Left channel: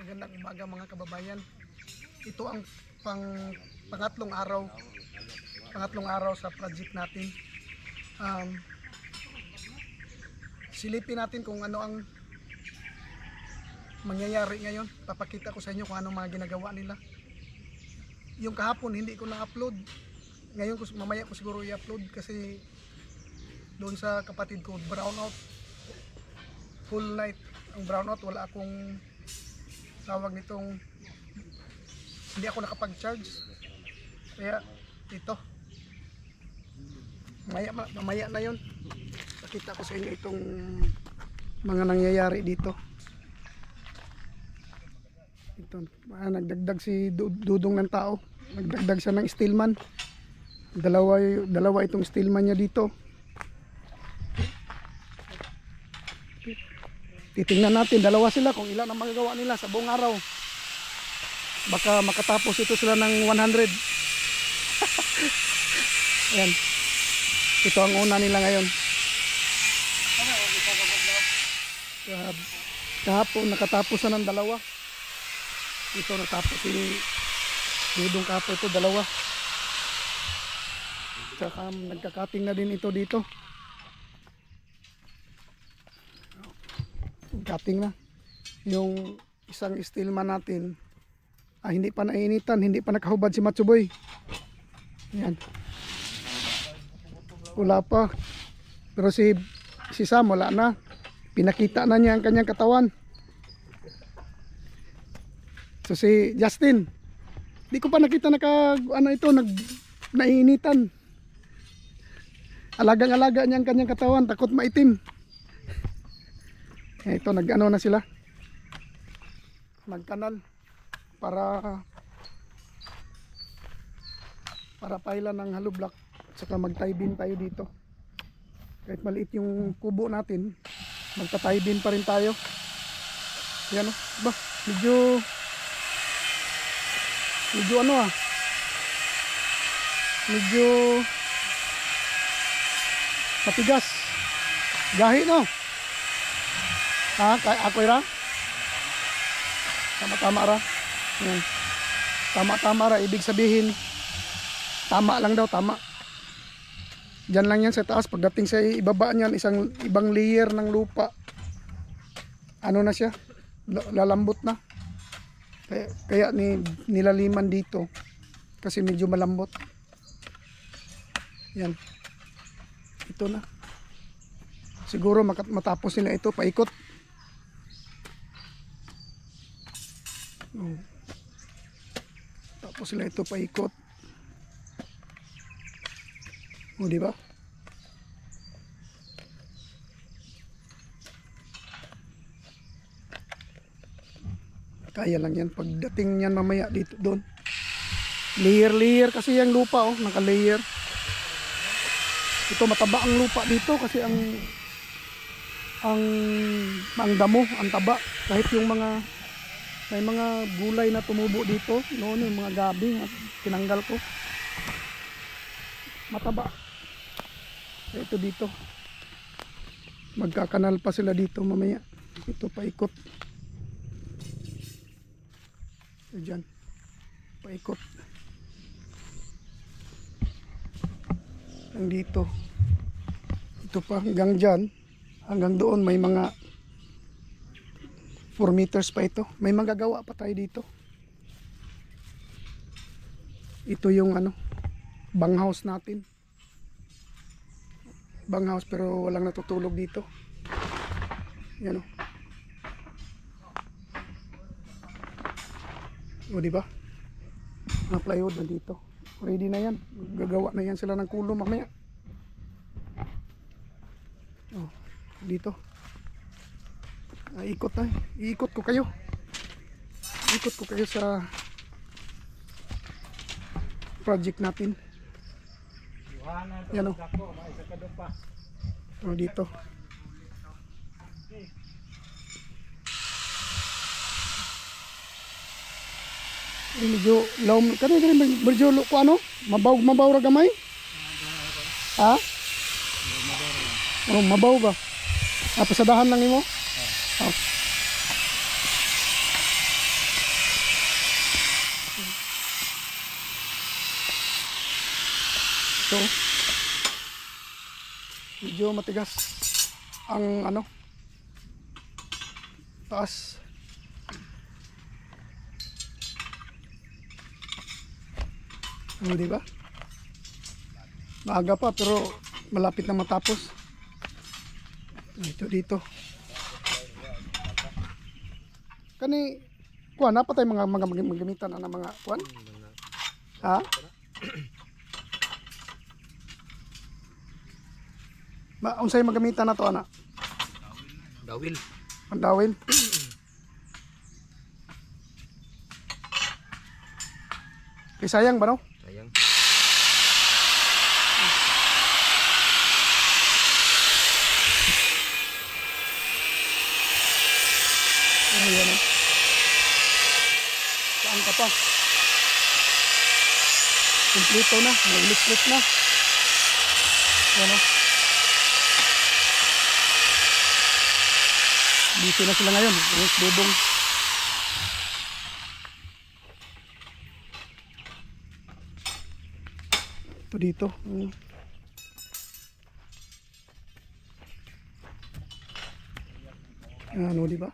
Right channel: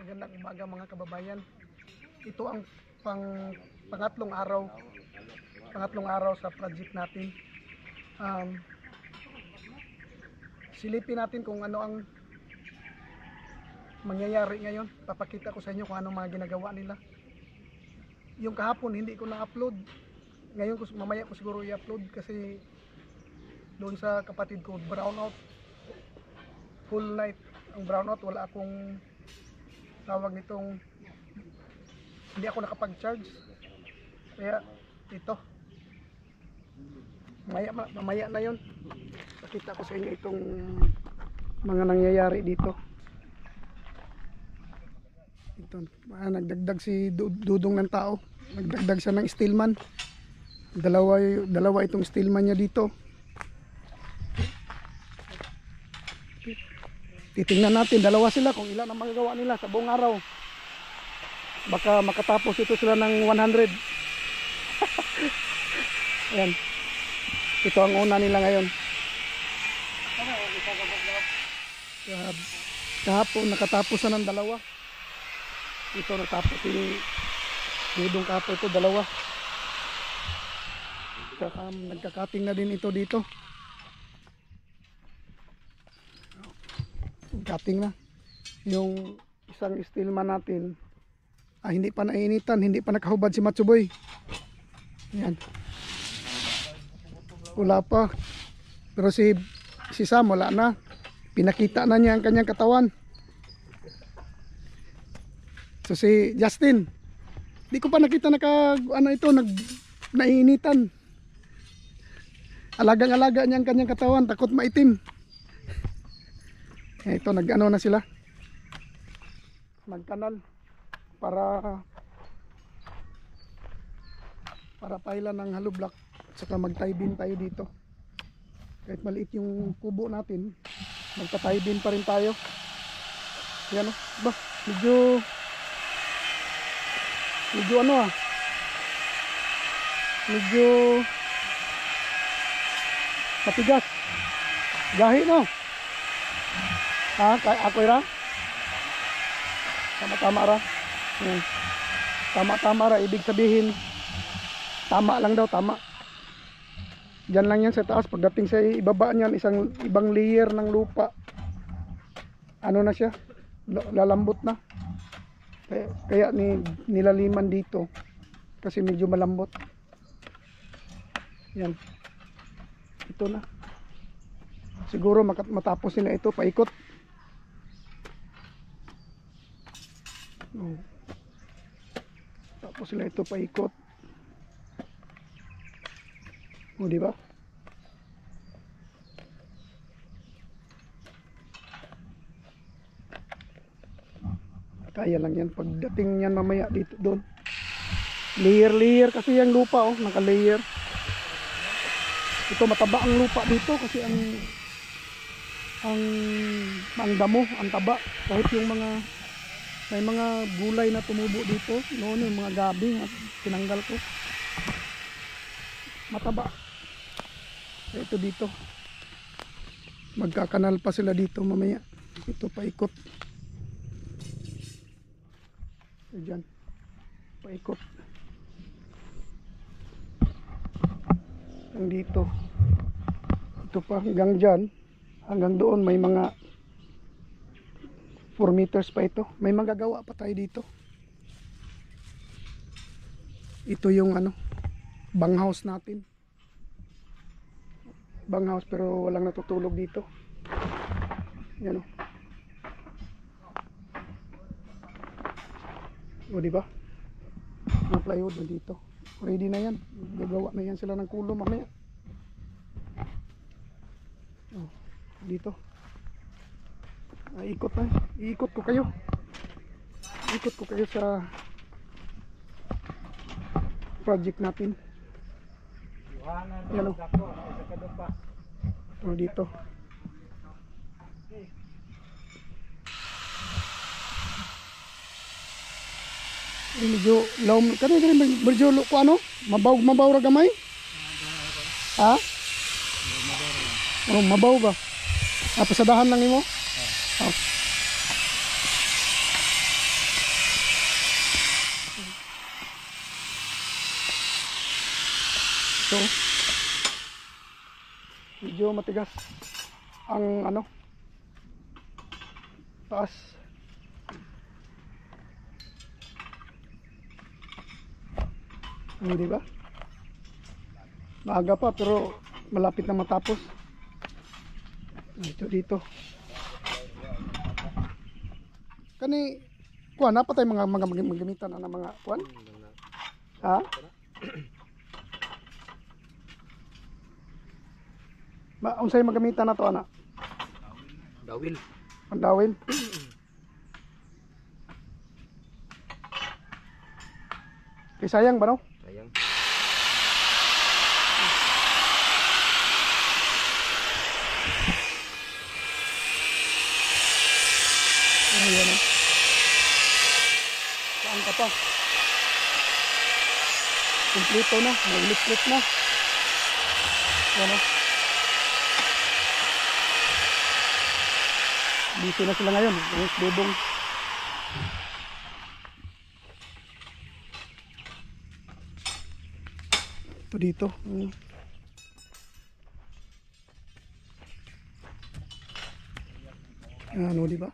Magandang umaga mga kababayan. Ito ang pangatlong araw sa project natin. Silipin natin kung ano ang mangyayari ngayon. Papakita ko sa inyo kung anong mga ginagawa nila. Yung kahapon hindi ko na-upload. Ngayon mamaya ko siguro i-upload kasi doon sa kapatid ko brownout. Full night ang brownout, wala akong tawag nitong, hindi ako nakapag-charge. Kaya ito mamaya na yon, pakita ko sa inyo itong mga nangyayari dito. Ito, nagdagdag si Dudong ng tao, nagdagdag siya ng steelman. Dalawa itong steelman niya dito. Titingnan natin, dalawa sila, kung ilan ang magagawa nila sa buong araw. Baka makatapos ito sila ng 100. Ayan. Ito ang una nila ngayon. Kahapon nakatapos na ng dalawa. Ito natapos si Dudong kahapon, ito dalawa. Saka nagkakating na din ito dito. Cutting na yung isang steelman natin. Hindi pa nainitan, hindi pa nakahubad si Matsuboy. Yan, wala pa, pero si Sam wala na, pinakita na niya ang kanyang katawan. So si Justin, di ko pa nakita nainitan. Alagang-alaga niya ang kanyang katawan, takot maitim. Ito nag-ano na sila, nagkanal para pailan ng hollow block, saka mag-tie beam tayo dito. Kahit maliit yung kubo natin, magta-tie beam pa rin tayo. Yan o, ba, medyo medyo matigas, gahi no. Ako ra? Tama-tama ra. Tama-tama ra, ibig sabihin tama lang daw, tama. Diyan lang yan sa taas. Pagdating sa ibaba niyan, ibang layer ng lupa, ano na siya, lalambot na. Kaya nilaliman dito kasi medyo malambot. Yan. Ito na. Siguro matapos nila ito, paikot. Tapos sila ito paikot. Di ba? Kaya lang yan pagdating niyan mamaya dito doon. Layer kasi yung lupa, naka-layer. Ito mataba ang lupa dito kasi ang damo, ang taba. Kahit yung may mga gulay na tumubo dito noon, yung mga gabi tinanggal ko, mataba. Ito dito magkakanal pa sila dito mamaya. Ito paikot, dyan paikot hanggang dito. Ito pa hanggang dyan, hanggang doon may mga 4 meters pa ito. May magagawa pa tayo dito. Ito yung banghouse natin. Banghouse pero walang natutulog dito. Yan o. Diba? Ang plywood na dito. Ready na yan. Gagawa na yan sila ng kulo mamaya. Dito. Ikot na. Iikot ko kayo. Ikot ko kayo sa project natin. Yan o. Dito. Medyo law kani medyo ko mabaw ra gamay. Ha? Mabaw ba? Pasadahan lang nimo. Ito. Medyo matigas ang ano, taas. Di ba? Maaga pa pero malapit na matapos. Dito. Kani kuan apa tay mga magamitan na mga kuan? Ha? Unsay magamitan na to ana? Dawil. Ang dawil. Sayang ba no? Sayang. Ayan o. Saan ka pa? Kompleto na. Mag-electric na. Ayan o. Dito na sila ngayon. Ang bubong. Ito dito. Ano, di ba?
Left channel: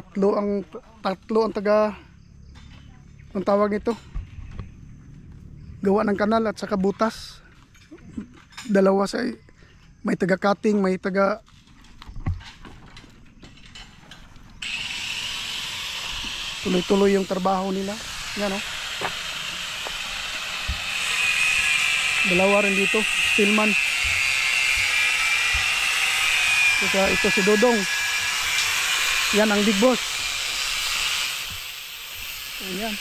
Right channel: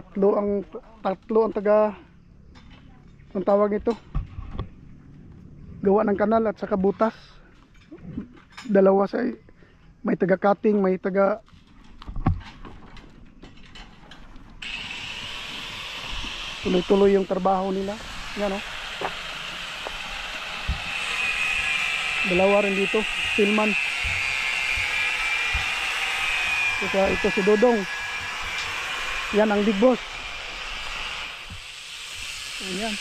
Tatlo ang taga ang tawag nito. Gawa ng kanal at saka butas. Dalawa sa may taga cutting, may taga tuloy-tuloy yung trabaho nila. Yan o. Dalawa rin dito, Stillman. Ito si Dodong. Yan ang big boss. Ayan.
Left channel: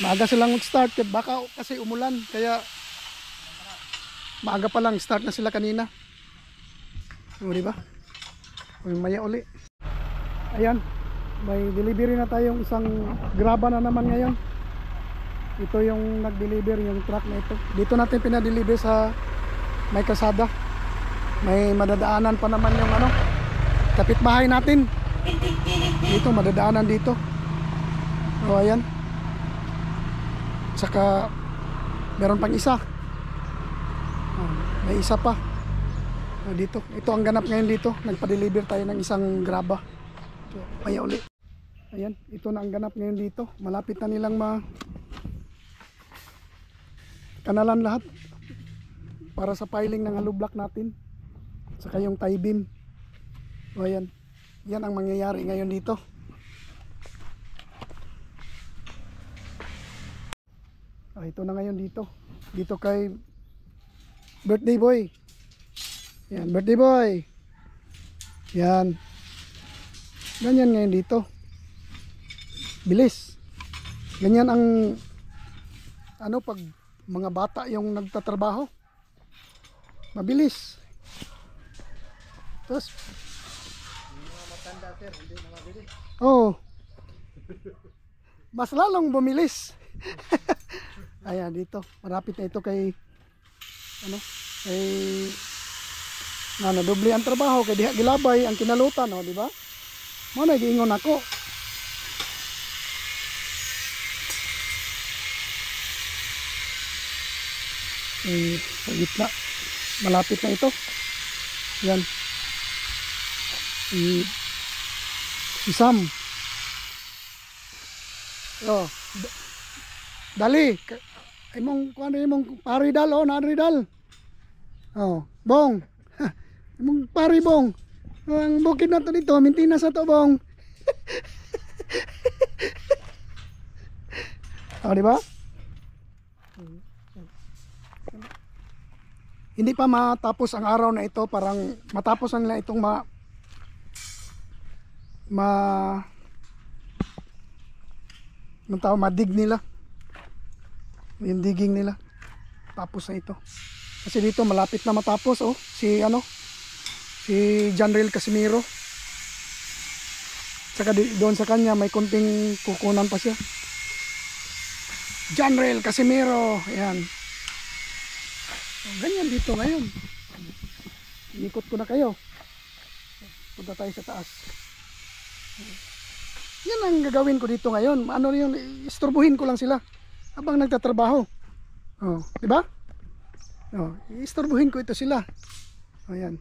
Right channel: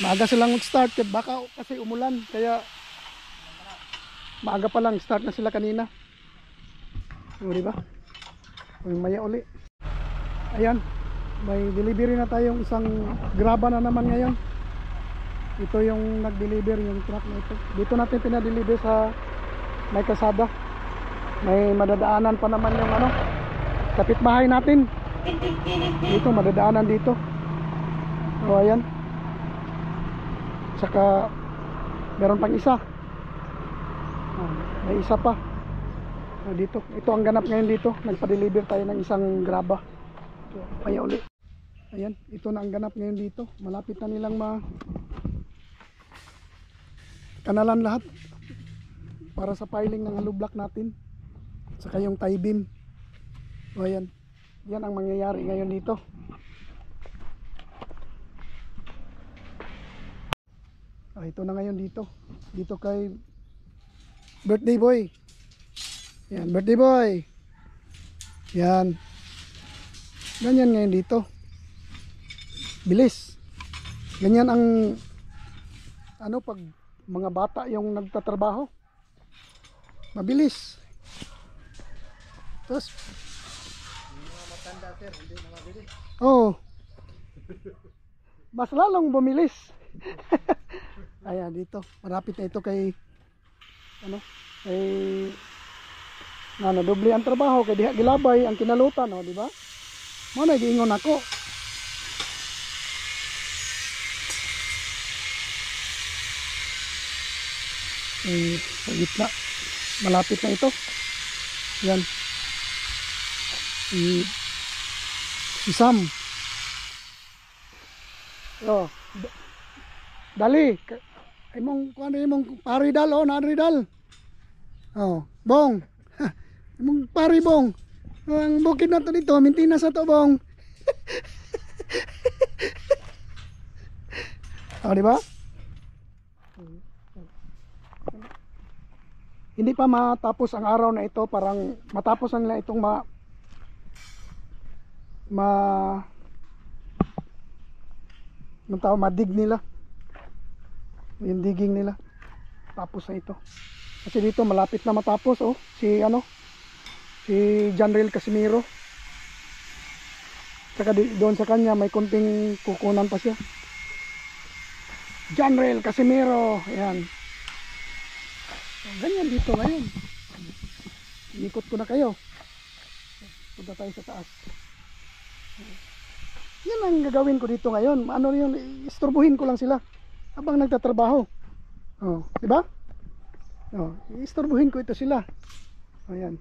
Maaga silang mag-start baka kasi umulan kaya maaga pa lang start na sila kanina. O diba? Maya uli. Ayan. May delivery na tayong isang graba na naman ngayon. Ito yung nag-deliver yung truck na ito. Dito natin pinadeliver sa may kasada. May madadaanan pa naman yung ano, kapitbahay natin. Dito madadaanan dito. O ayan. Saka meron pang isa. May isa pa. O, dito. Ito ang ganap ngayon dito. Nagpa-deliver tayo ng isang graba. So, kaya uli. Ayan, ito na ang ganap ngayon dito. Malapit na nilang kanalan lahat para sa piling ng hollow block natin. Saka yung tie beam. O ayan. Yan ang mangyayari ngayon dito. Ito na ngayon dito. Dito kay birthday boy. Yan, birthday boy. Yan. Ganyan ngayon dito. Bilis. Ganyan ang ano pag mga bata yung nagtatrabaho. Mabilis. Tapos mga matanda sir, hindi na mabilis. Oh. Mas lalong bumilis. Ayan dito, marapit na ito kay ano, kay doble ang trabaho kay diha gilabay ang kinalutan, oh, di ba? Mo na giingon ako. Sa gitna, malapit na ito. Yan. Si Sam. Oh, dali. Imong kuan imong paridal oh, naridal. Oh, bong. Imong pari bong. Ang bukid na to dito, mintina sa to bong. Oh, di ba? Hindi pa matapos ang araw na ito, parang matapos ang nila itong madig nila. Yung digging nila. Tapos na ito. Kasi dito malapit na matapos oh, si Janril Casimiro. Saka doon sa kanya may konting kukunan pa siya. Janril Casimiro, ayan. Ganyan dito ngayon. Inikot ko na kayo. Punta tayo sa taas. Yan ang gagawin ko dito ngayon. Ano yun, istorbohin ko lang sila habang nagtatrabaho. Oh, di ba? Oh, istorbohin ko ito sila. Oh, yan.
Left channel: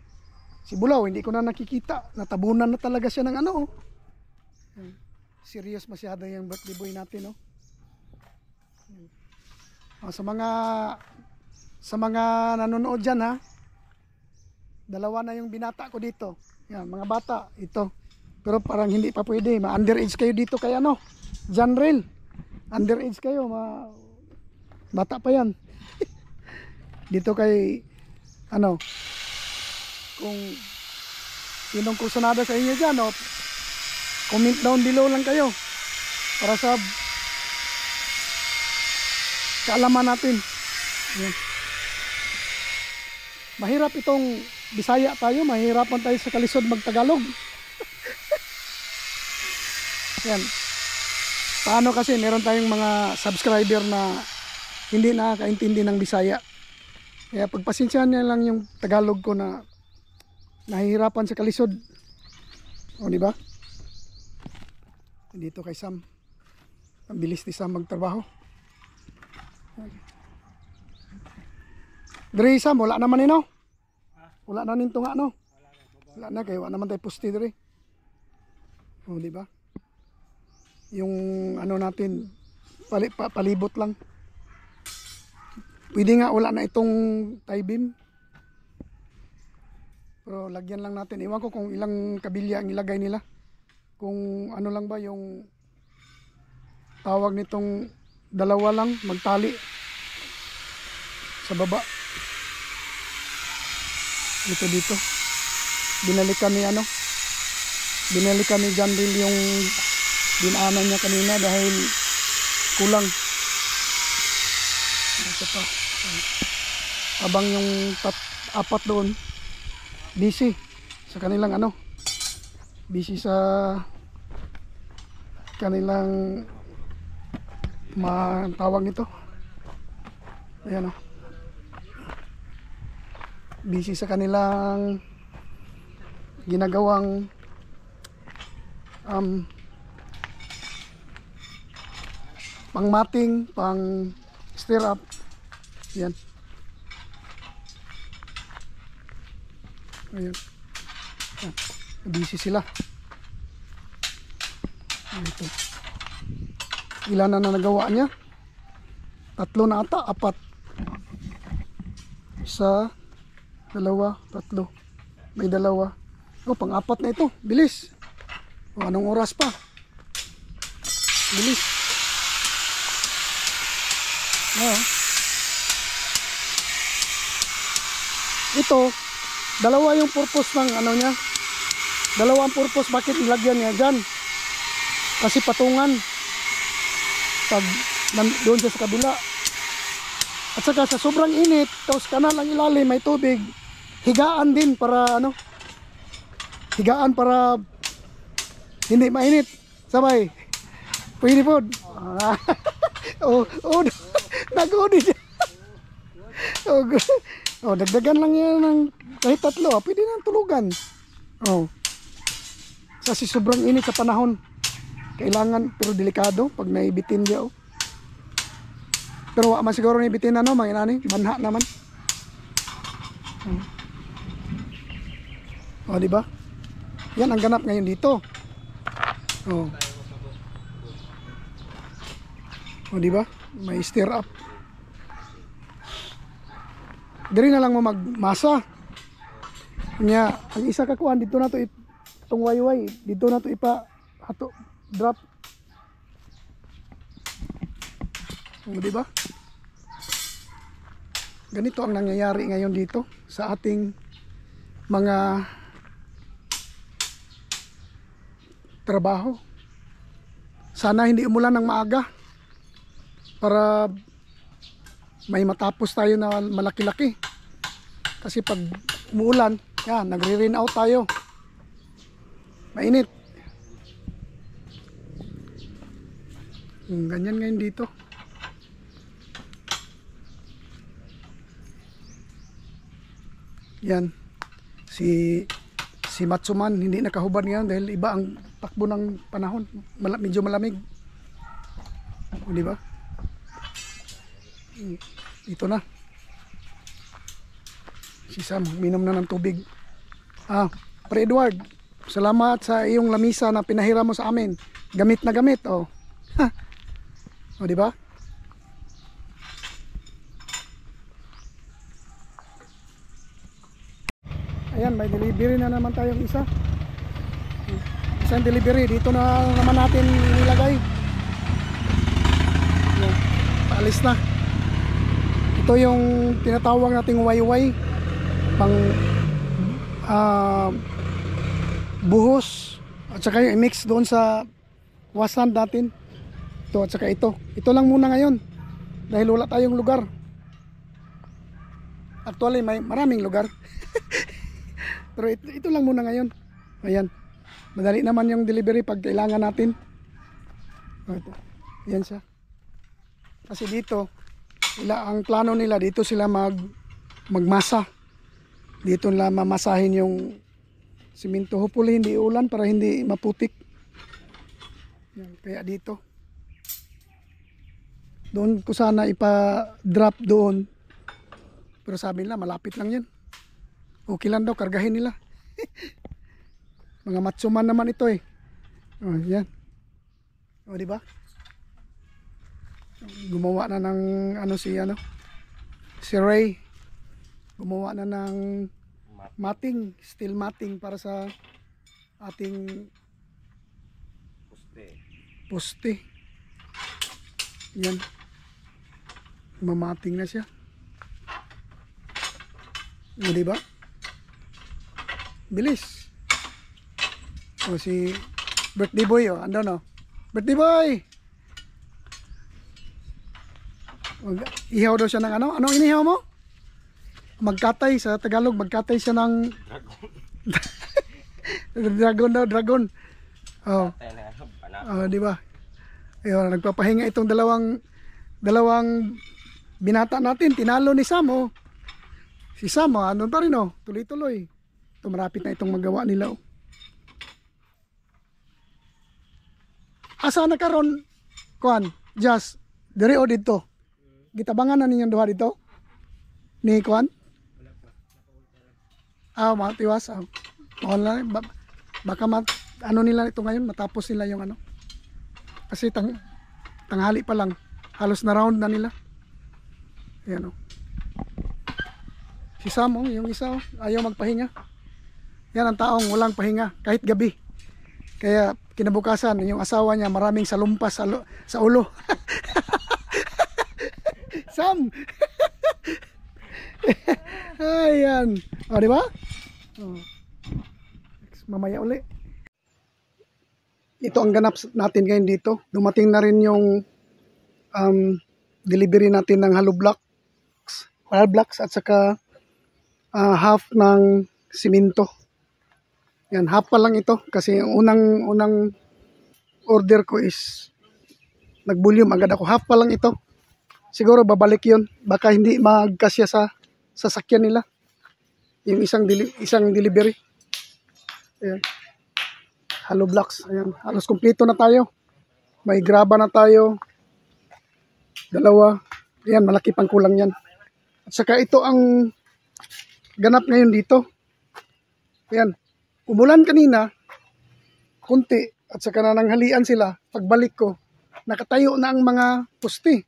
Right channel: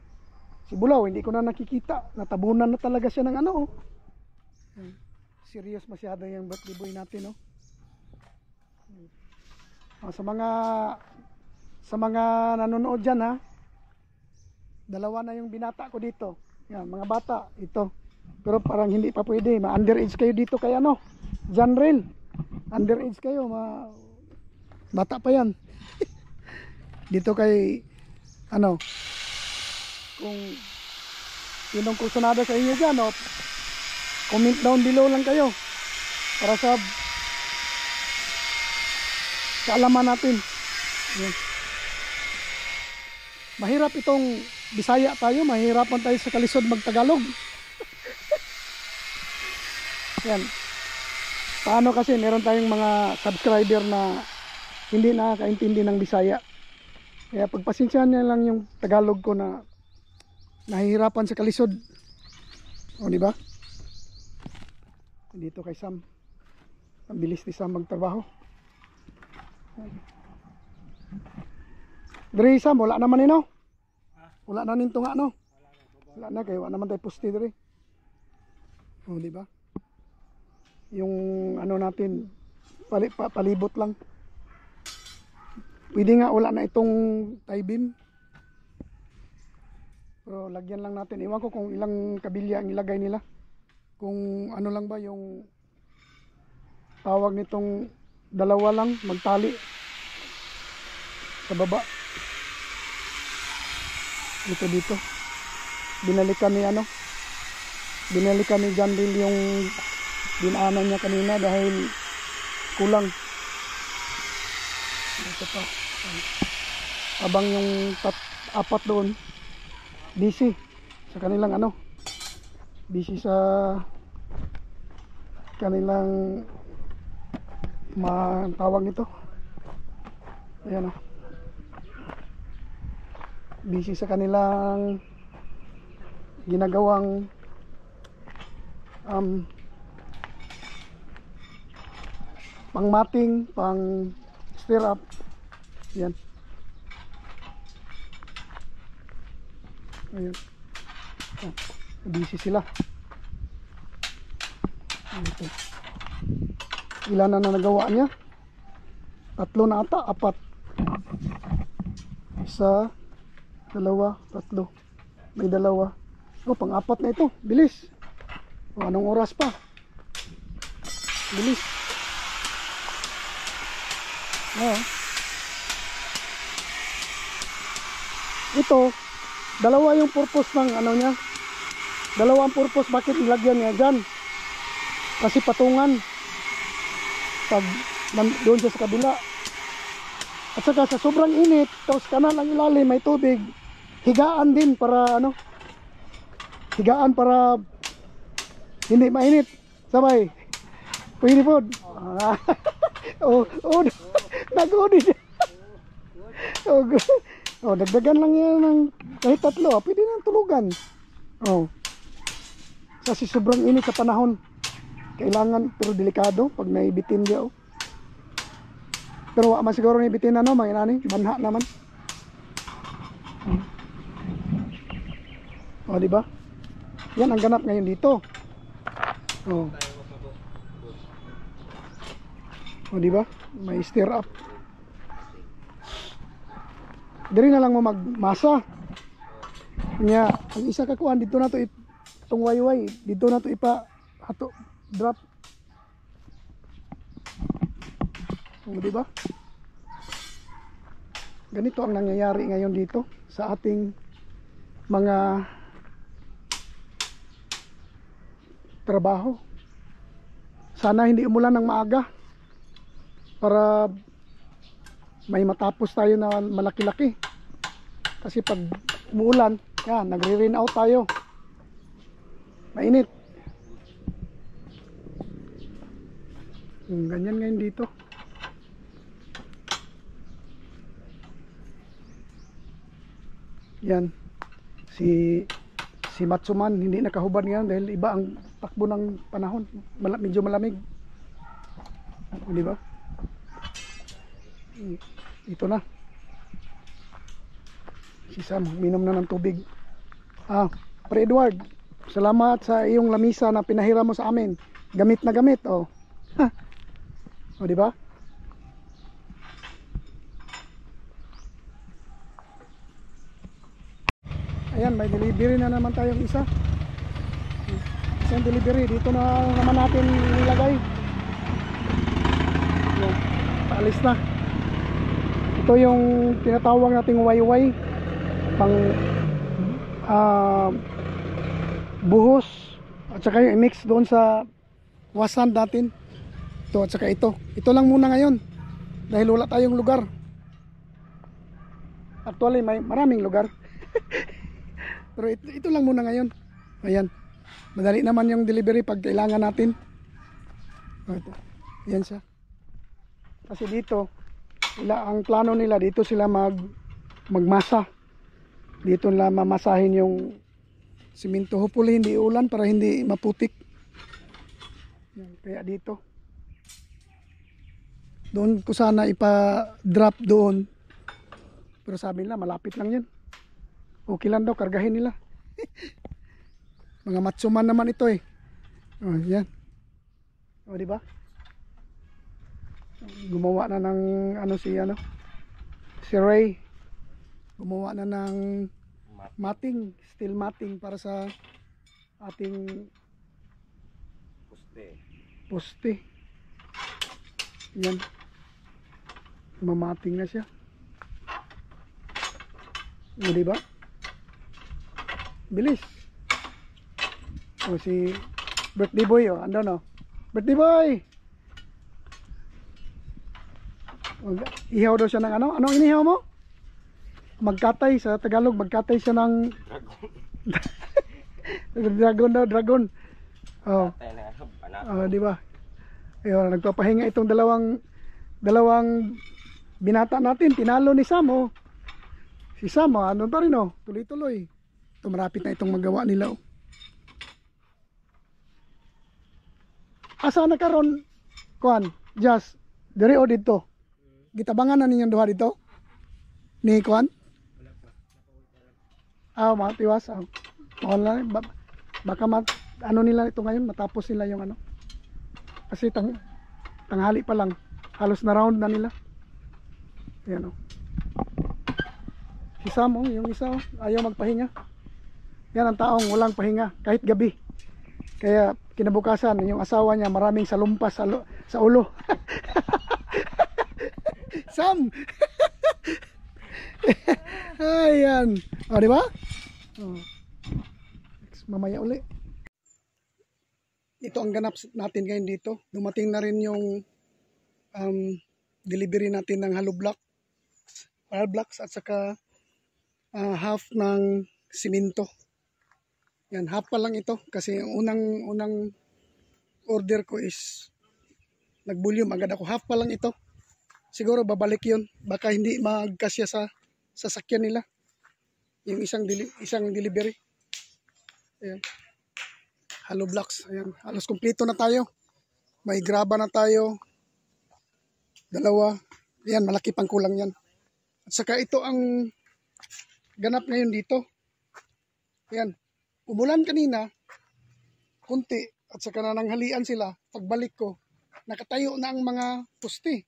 Si Bulaw, hindi ko na nakikita. Natabunan na talaga siya ng ano. Oh. Serious masyado yung birthday boy natin, oh. Oh, sa mga nanonood diyan, ha. Dalawa na yung binata ko dito. Yan, mga bata, ito. Pero parang hindi pa pwede. Ma-underage kayo dito kay ano, Janrel. Underage kayo, bata pa yan. Dito kay ano, kung sinong kursunada sa inyo dyan, oh, comment down below lang kayo para sa kaalaman natin. Yan. Mahirap itong Bisaya tayo, mahirapan tayo sa kalisod magtagalog. Yan. Paano kasi meron tayong mga subscriber na hindi nakakaintindi ng Bisaya. Kaya pagpasensyahan niya lang yung Tagalog ko na nahihirapan sa kalisod. O di ba? Dito kay Sam. Ang bilis ni Sam magtrabaho. Dre Sam, wala naman ino. Wala na ninto nga no. Wala na kay wala naman tayo poste dre. O di ba? Yung ano natin palibot lang. Pwede nga wala na itong tie beam. Pero lagyan lang natin. Iwan ko kung ilang kabilya ang ilagay nila. Kung ano lang ba yung tawag nitong dalawa lang magtali sa baba. Dito. Binalikan ni John Bill yung dinaanan niya kanina dahil kulang. Ito pa. Abang yung apat doon busy sa kanilang ano, busy sa kanilang tawag nito. Ayan o. Busy sa kanilang ginagawang pang-mating, pang-stir up. Yan. Ayan. Oh, busy sila. Ito. Ilan na nagawa niya? 3 na ata, 4. Isa, 2, 3. May 2. Oh, pang-4 na ito. Bilis. Oh, anong oras pa? Bilis. Oh. Ito, 2 yung purpose ng ano niya. 2 ang purpose bakit nilagyan niya dyan. Kasi patungan. Pag doon sa kabila. At saka sa sobrang init, tapos kanal ang ilalim, may tubig. Higaan din para ano. Higaan para hindi mainit. Sabay. Pwede po. Nag-uni siya. Dagdagan lang yan ng kahit 3. Pwede nang tulugan. Kasi sobrang init sa panahon. Kailangan, pero delikado pag naibitin dia. Pero wala man siguro naibitin ano, mga inani, manha naman. Di ba? Yan ang ganap ngayon dito. Di ba? May stir up. Diri na lang mo magmasa. Nya, ang isa ka kuan dito na to itong wayway, dito na to ipa hato drop. Di ba? Ganito ang nangyayari ngayon dito sa ating mga trabaho. Sana hindi umulan ng maaga para may matapos tayo na malaki-laki. Kasi pag umuulan, yan, nagre-rain out tayo. Mainit. Ganyan ngayon dito. Yan. Si Si Matsuman hindi nakahubad ngayon dahil iba ang takbo ng panahon. Medyo malamig. O, di ba? Ito na. Si Sam, minom na ng tubig. Pre Edward, salamat sa iyong lamisa na pinahiram mo sa amin. Gamit na gamit, oh. O, di ba? Ayan, may delivery na naman tayong isa. Isang delivery, dito na naman natin nilagay. Ayan, paalis na. Ito yung tinatawag nating wayway. Pang buhos. At saka yung i-mix doon sa wasan natin. Ito at saka ito. Ito lang muna ngayon. Dahil wala tayong lugar. Actually, may maraming lugar. Pero ito lang muna ngayon. Ayan. Madali naman yung delivery pag kailangan natin. Ito. Ayan siya. Kasi dito, ang plano nila, dito sila magmasa. Dito nila mamasahin yung simento. Hopefully hindi ulan para hindi maputik. Ayan. Kaya dito. Doon ko sana ipa-drop doon. Pero sabi nila, malapit lang yan. Okay lang daw, kargahin nila. Mga Matsuman naman ito eh. Oh, yan. O, di ba? Gumawa na ng si Ray. Gumawa na ng matting, steel matting para sa ating poste. Yan. Mamating na siya. O, di ba? Bilis. O si birthday boy, ando no. Birthday boy. Ihaw daw siya ng ano? Anong inihaw mo? Magkatay sa Tagalog, magkatay siya ng dragon daw, dragon. Oh. Di ba? Ayun, nagpapahinga itong dalawang binata natin, tinalo ni Sam, oh. Si Sam, ano pa rin, oh, tuloy-tuloy. Ito, marapit na itong magawa nila, oh. Asa na karon, kuan, just diri o dito. Gitabangan na ninyong duha dito. Ni kuan? Mga tiwas. Online, baka ano nila ito ngayon, matapos nila yung ano. Kasi tanghali pa lang, halos na round na nila. Ayan, oh. Si Sam, oh, yung isa, oh, ayaw magpahinga. Yan ang taong walang pahinga kahit gabi. Kaya kinabukasan yung asawa niya maraming salumpas sa ulo. Sam. Ayan. O, di ba? Oh. Mamaya uli. Ito ang ganap natin ngayon dito. Dumating na rin yung delivery natin ng hollow blocks at saka half ng simento. Yan, half pa lang ito kasi unang order ko is nag-volume agad ako. Half pa lang ito. Siguro babalik 'yon. Baka hindi magkasya sa sasakyan nila. Yung isang delivery. Ayan. Hollow blocks. Ayan, halos kumpleto na tayo. May graba na tayo. Dalawa. Ayan, malaki pang kulang yan. At saka ito ang ganap ngayon dito. Ayan. Umulan kanina, kunti, at saka na nanghalian sila. Pagbalik ko, nakatayo na ang mga poste.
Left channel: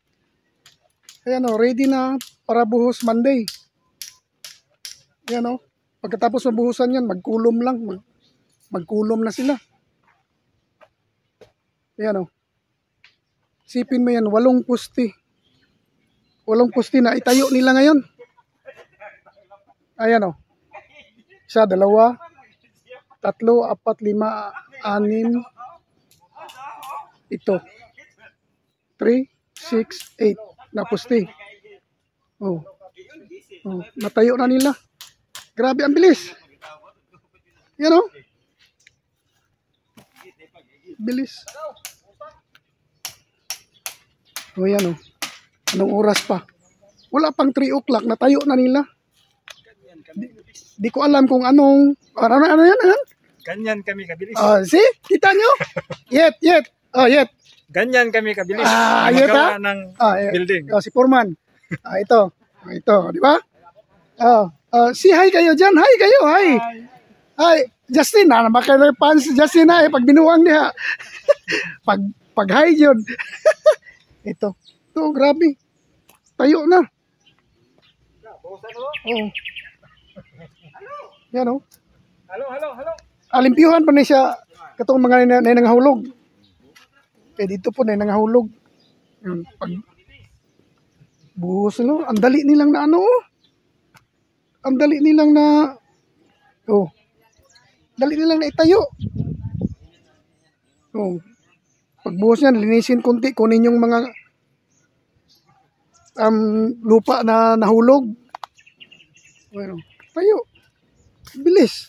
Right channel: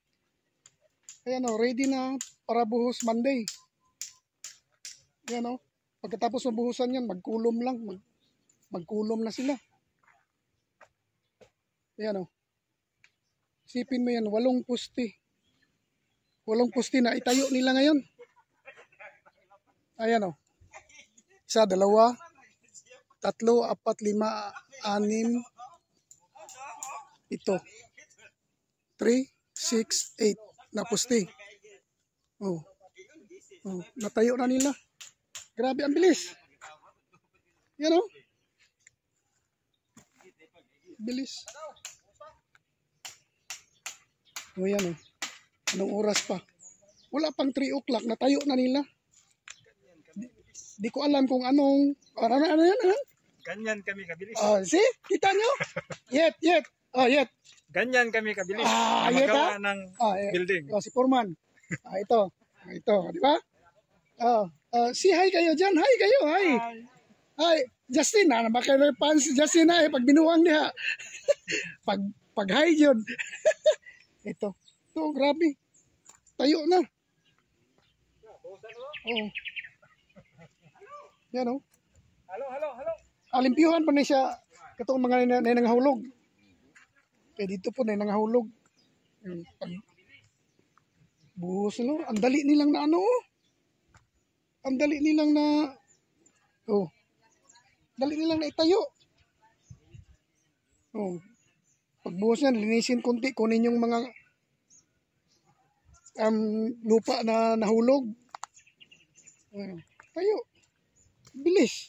Ayan o, ready na para buhos Monday. Ayan o, pagkatapos mabuhusan yan, magkulom lang. Magkulom na sila. Ayan o. Sipin mo yan, 8 poste. 8 poste na itayo nila ngayon. Ayan o. 1, 2, 3, 4, 5, 6. Ito. 3, 6, 8 na poste. Oh. Oh, natayo na nila. Grabe ang bilis. Yan oh. Bilis. Oh, yan oh. Anong oras pa? Wala pang 3 o'clock, natayo na nila. Di ko alam kung ano yan, ano? Ganyan kami kabilis. See? Kita nyo? Yet. Oh, yet. Ganyan kami kabilis. Yet Magawa ha? ng Yet. building. Si Foreman. Ito. Ito, di ba? Si hi kayo dyan. Hi kayo, hi. Hi. Justin, makaler fans Justin na pag binuang niya. pag hi yun. Ito. Ito, grabe. Tayo na. Oh. Yan oh. Hello. Alimpiyuhan pa na siya katong mga nangahulog. Dito po na nangahulog. Yun, pag buhos no, ang dali nilang na ang dali nilang na dali nilang na itayo. Pagbuhos niyan, linisin konti, kunin yung mga lupa na nahulog. Bueno, tayo. Bilis.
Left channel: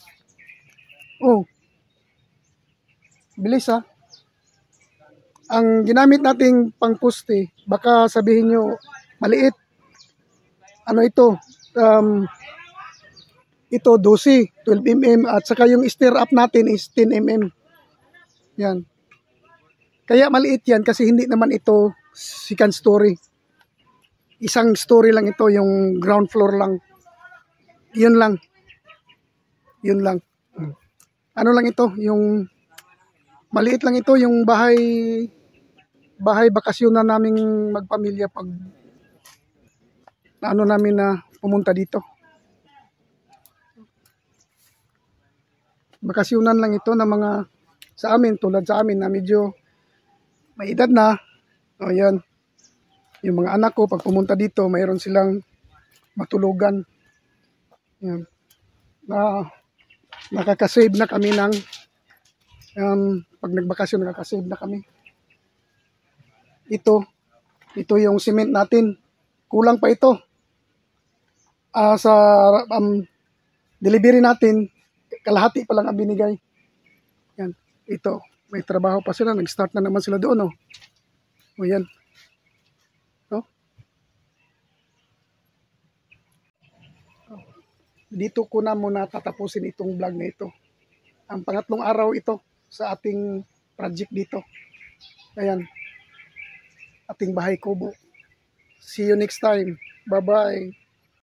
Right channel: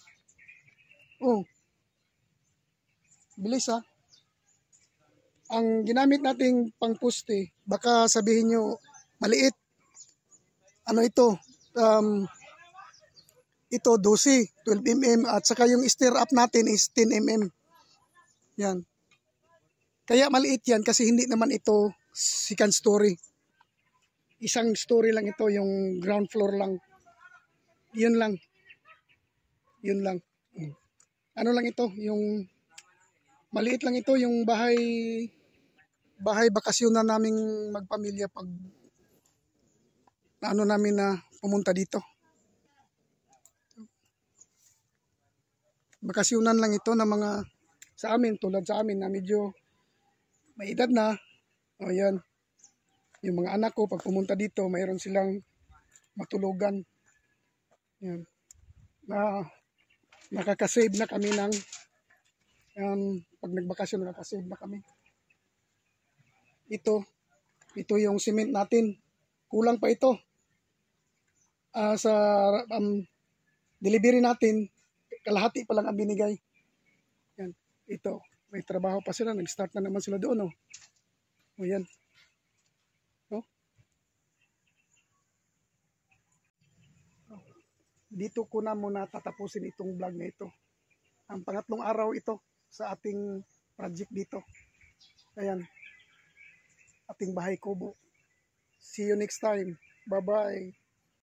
Bilis ha. Ang ginamit nating pangpuste, baka sabihin nyo, maliit. Ano ito? Ito 12 mm at saka yung stir up natin is 10 mm. Yan. Kaya maliit yan kasi hindi naman ito second story. Isang story lang ito, yung ground floor lang. Yun lang. Ano lang ito, yung maliit lang ito, yung bahay bakasyonan naming magpamilya pag namin na pumunta dito. Bakasyonan lang ito na mga sa amin, tulad sa amin na medyo may edad na. Yan. Yung mga anak ko, pag pumunta dito, mayroon silang matulugan. Yan. Nakakasave na kami ng pag nagbakasyon, nakakasave na kami. Ito yung cement natin. Kulang pa ito. Sa delivery natin, kalahati pa lang ang binigay. Yan. Ito. May trabaho pa sila. Nag-start na naman sila doon. O yan. Dito ko na muna tatapusin itong vlog na ito. Ang pangatlong araw ito sa ating project dito. Ayan. Ating bahay kubo. See you next time. Bye-bye.